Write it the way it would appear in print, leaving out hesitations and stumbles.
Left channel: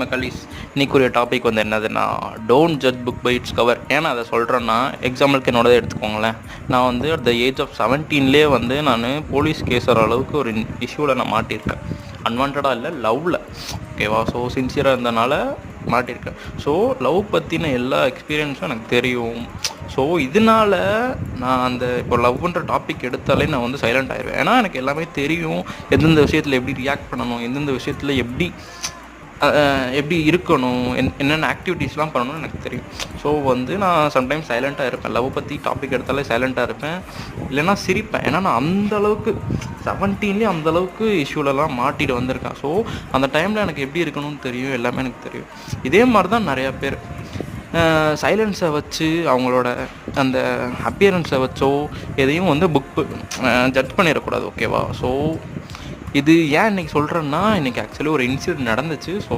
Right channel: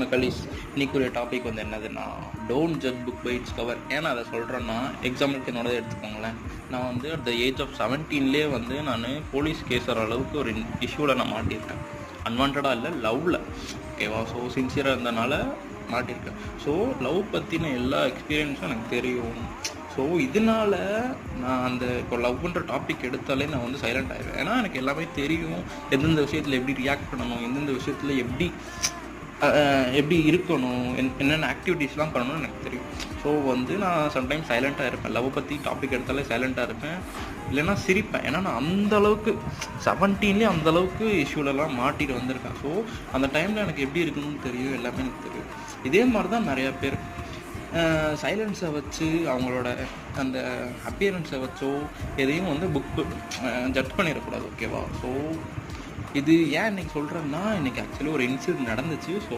மக்களீஸ் இன்னைக்குரிய topic வந்து என்னதுன்னா don't judge book by its cover. ஏன்னா அதை சொல்கிறேன்னா எக்ஸாம்பிளுக்கு என்னோடதை எடுத்துக்கோங்களேன். நான் வந்து அட் த ஏஜ் ஆஃப் 17லேயே வந்து நான் போலீஸ் கேஸ் வர அளவுக்கு ஒரு இஷ்யூவில் நான் மாட்டியிருக்கேன். அன்வான்டாக இல்லை, லவ்வில். ஓகேவா? ஸோ சின்சியராக இருந்தனால மாட்டியிருக்கேன். ஸோ லவ் பற்றின எல்லா எக்ஸ்பீரியன்ஸும் எனக்கு தெரியும். ஸோ இதனால் நான் அந்த இப்போ லவ்ன்ற டாபிக் எடுத்தாலே நான் வந்து சைலண்ட் ஆயிடுவேன். ஏன்னா எனக்கு எல்லாமே தெரியும். எந்தெந்த விஷயத்தில் எப்படி ரியாக்ட் பண்ணணும், எந்தெந்த விஷயத்தில் எப்படி இருக்கணும், என்னென்ன ஆக்டிவிட்டீஸ்லாம் பண்ணணும்னு எனக்கு தெரியும். ஸோ வந்து நான் சம்டைம்ஸ் சைலண்ட்டாக இருப்பேன். லவ் பற்றி டாபிக் எடுத்தாலே சைலண்ட்டாக இருப்பேன், இல்லைன்னா சிரிப்பேன். ஏன்னா நான் அந்தளவுக்கு 17லேயே அந்தளவுக்கு இஷ்யூலலாம் மாட்டிட்டு வந்திருக்கேன். ஸோ அந்த டைமில் எனக்கு எப்படி இருக்கணும்னு தெரியும், எல்லாமே எனக்கு தெரியும். இதே மாதிரி தான் நிறையா பேர் சைலன்ஸை வச்சு அவங்களோட அந்த அப்பியரன்ஸை வச்சோ எதையும் வந்து ஜட்ஜ் பண்ணிடக்கூடாது. ஓகேவா? ஸோ இது ஏன் இன்றைக்கி சொல்கிறேன்னா, இன்றைக்கி ஆக்சுவலி ஒரு இன்சிடென்ட் நடந்துச்சு. ஸோ